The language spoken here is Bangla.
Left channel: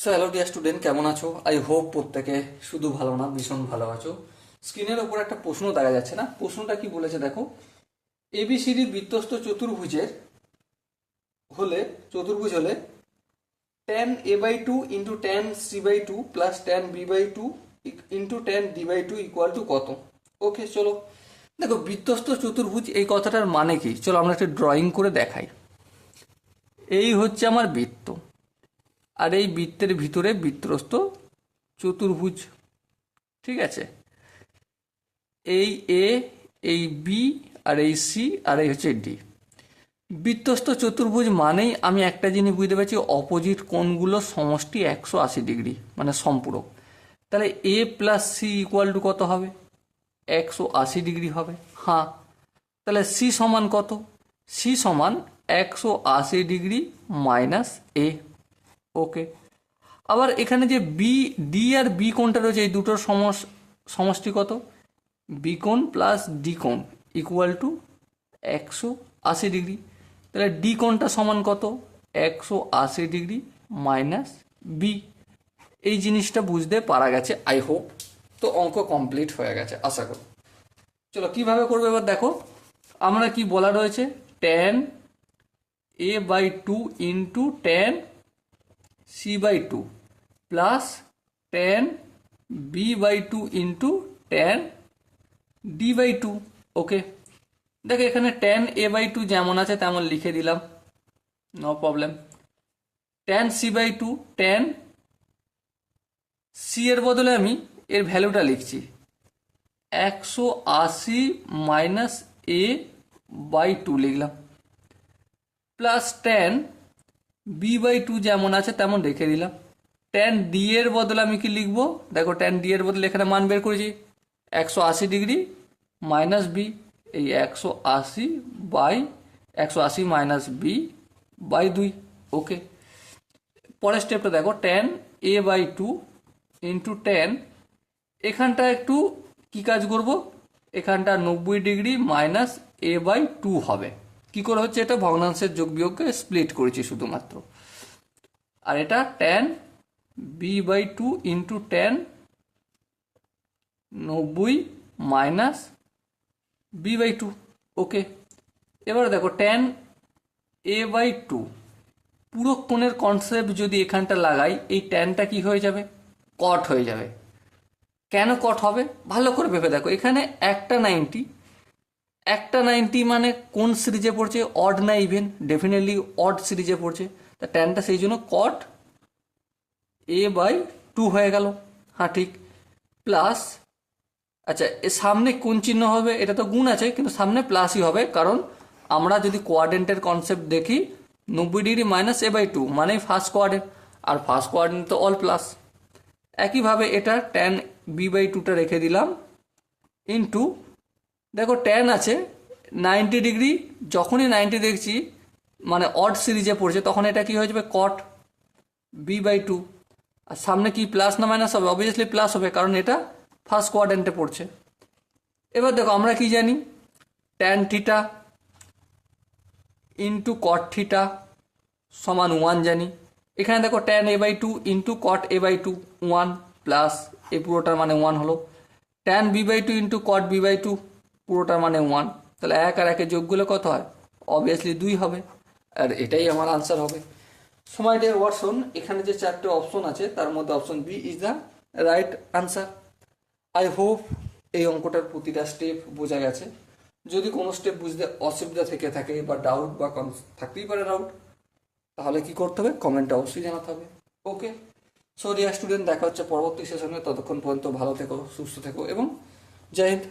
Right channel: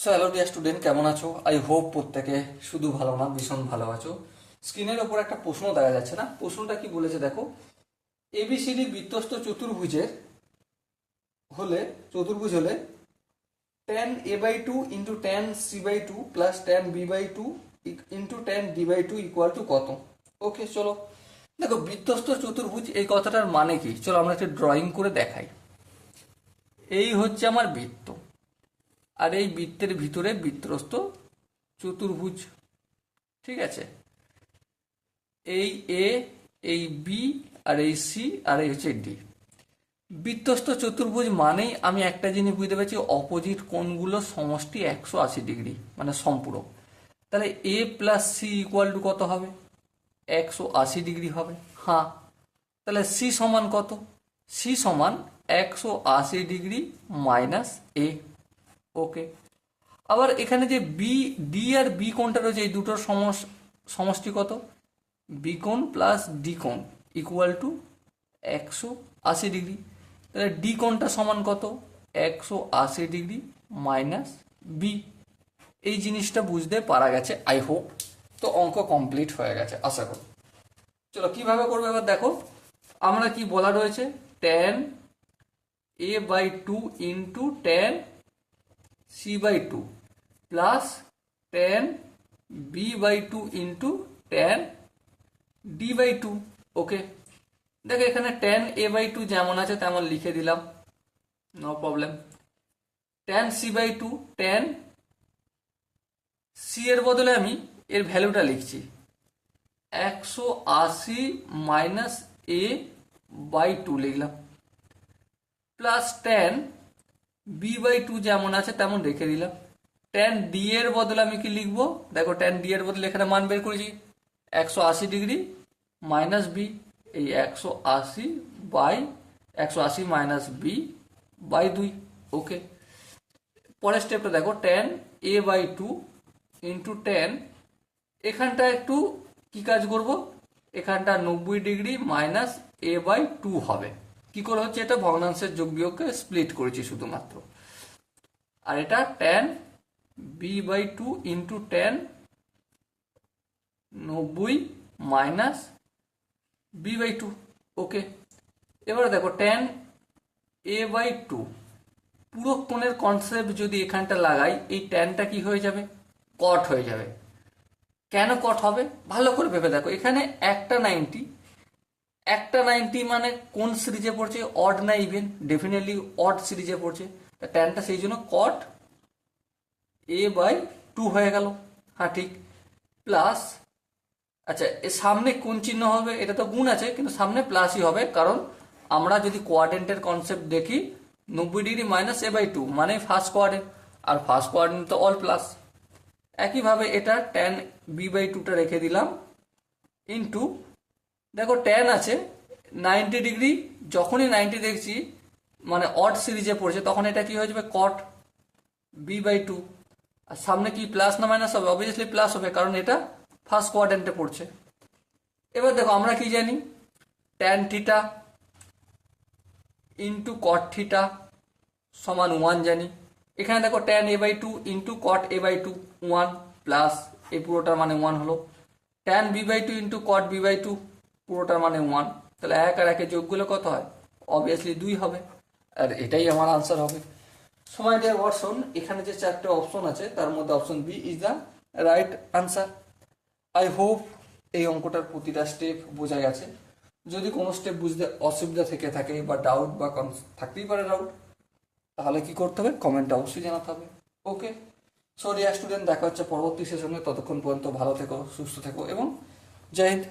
সো হ্যালো ডিয়ার স্টুডেন্ট, কেমন আছো? আই হোপ প্রত্যেকে শুধু ভালো না, ভীষণ ভালো আছো। স্ক্রিনের ওপর একটা প্রশ্ন দেখা যাচ্ছে না? প্রশ্নটা কি বলেছে দেখো। এবিসিডি বৃত্তস্থ হলে চতুর্ভুজ হলে tan a/2 into tan c/2 plus tan b/2 into tan d/2 equal to কত? ওকে, চলো দেখো, বৃত্তস্থ চতুর্ভুজ এই কথাটার মানে কি, চলো আমরা একটা ড্রয়িং করে দেখাই। এই হচ্ছে আমার বৃত্ত, আর এই বৃত্তের ভিতরে বৃত্তস্থ চতুর্ভুজ। ঠিক আছে, এই এ, এই বি, আর এই সি, আর এই হচ্ছে ডি। বৃত্তস্থ চতুর্ভুজ মানেই আমি একটা জিনিস বুঝতে পারছি, অপোজিট কোণগুলো সমষ্টি 180 ডিগ্রি, মানে সম্পূরক। তাহলে এ প্লাস সি ইকুয়াল টু কত হবে? 180 ডিগ্রি হবে। হ্যাঁ, তাহলে সি সমান কত? সি সমান 180 ডিগ্রি মাইনাস এ। ওকে, আবার এখানে যে বি, ডি আর বি কোণটা রয়েছে, এই দুটোর সমষ্টি কত? বি কোণ প্লাস ডি কোণ ইকুয়াল টু 180 ডিগ্রি। তাহলে ডি কোণটা সমান কত? 180 ডিগ্রি মাইনাস বি। এই জিনিসটা বুঝতে পারা গেছে আই হোপ। তো অঙ্ক কমপ্লিট হয়ে গেছে আশা করি। চলো কিভাবে করবো এবার দেখো। আমরা কি বলা রয়েছে, tan a/2 into tan c/2 plus tan b/2 into tan d/2। Okay, দেখো এখানে ট্যান a/2 যেমন আছে তেমন লিখে দিলাম, no problem. Tan c/2, tan C এর বদলে আমি এর ভ্যালুটা লিখছি 180 মাইনাস a/2 লিখলাম, প্লাস ট্যান b/2 যেমন আছে তেমন রেখে দিলাম। ট্যান ডি এর বদলে আমি কি লিখবো দেখো, ট্যান ডি এর বদলে এখানে মান বের করেছি 180 ডিগ্রি মাইনাস বি, এই 180 মাইনাস বি বাই 2। ওকে, পরের স্টেপটা দেখো, ট্যান a/2 ইন্টু ট্যান, এখানটা একটু কি কাজ করব, এখানটা 90 ডিগ্রি মাইনাস a/2 হবে। কি করে হচ্ছে এটা? ভগ্নাংশের যোগ বিয়োগকে স্প্লিট করেছি শুধুমাত্র। আর এটা tan b/2 into tan 90 minus b/2। ওকে, এবার দেখো ট্যান a/2 পুরো কোণের কনসেপ্ট যদি এখানটা লাগাই, এই ট্যানটা কি হয়ে যাবে? কট হয়ে যাবে। কেন কট হবে ভালো করে ভেবে দেখো। এখানে একটা 90 মানে কোন সিরিজে পড়ছে? অড না ইভেন? ডেফিনেটলি অড সিরিজে পড়ছে। তা ট্যানটা সেই জন্য কট a/2 হয়ে গেল। হ্যাঁ ঠিক, প্লাস, আচ্ছা এর সামনে কোন চিহ্ন হবে? এটা তো গুণ আছে, কিন্তু সামনে প্লাসই হবে, কারণ আমরা যদি কোয়াড্রেন্টের কনসেপ্ট দেখি, 90 ডিগ্রি মাইনাস a/2 মানে ফার্স্ট কোয়াড্রেন্ট, আর ফার্স্ট কোয়াড্রেন্ট তো অল প্লাস। একইভাবে এটা ট্যান b/2টা রেখে দিলাম ইন্টু, দেখো ট্যান আছে 90 ডিগ্রি, যখনই 90 দেখছি মানে অড সিরিজে পড়ছে, তখন এটা কি হয়ে যাবে? কট b/2। আর সামনে কি প্লাস না মাইনাস হবে? অবভিয়াসলি প্লাস হবে, কারণ এটা ফার্স্ট কোয়াড্রেন্টে পড়ছে। এবার দেখো আমরা কি জানি, tan theta into cot theta সমান 1 জানি। এখানে দেখো tan a/2 into cot a/2 1 plus এই পুরোটার মানে 1 হলো। Tan b/2 into cot b/2 পুরোটার মানে 1। তাহলে 1 আর 1 যোগ করলে কত হয়? অবভিয়াসলি 2 হবে, আর এটাই আমার আনসার হবে। সময় দেওয়ার অপশন, এখানে যে 4টে অপশন আছে তার মধ্যে option B is the right answer. I hope এই অঙ্কটার প্রতিটা স্টেপ বোঝা গেছে। যদি কোনো স্টেপ বুঝতে অসুবিধা থেকে থাকে বা ডাউট বা থাকতেই পারে ডাউট, তাহলে কি করতে হবে? কমেন্টে অবশ্যই জানাতে হবে। ওকে, সো ডিয়ার স্টুডেন্ট, দেখা হচ্ছে পরবর্তী সেশনে। ততক্ষণ পর্যন্ত ভালো থেকো, সুস্থ থেকো এবং জয় হিন্দ।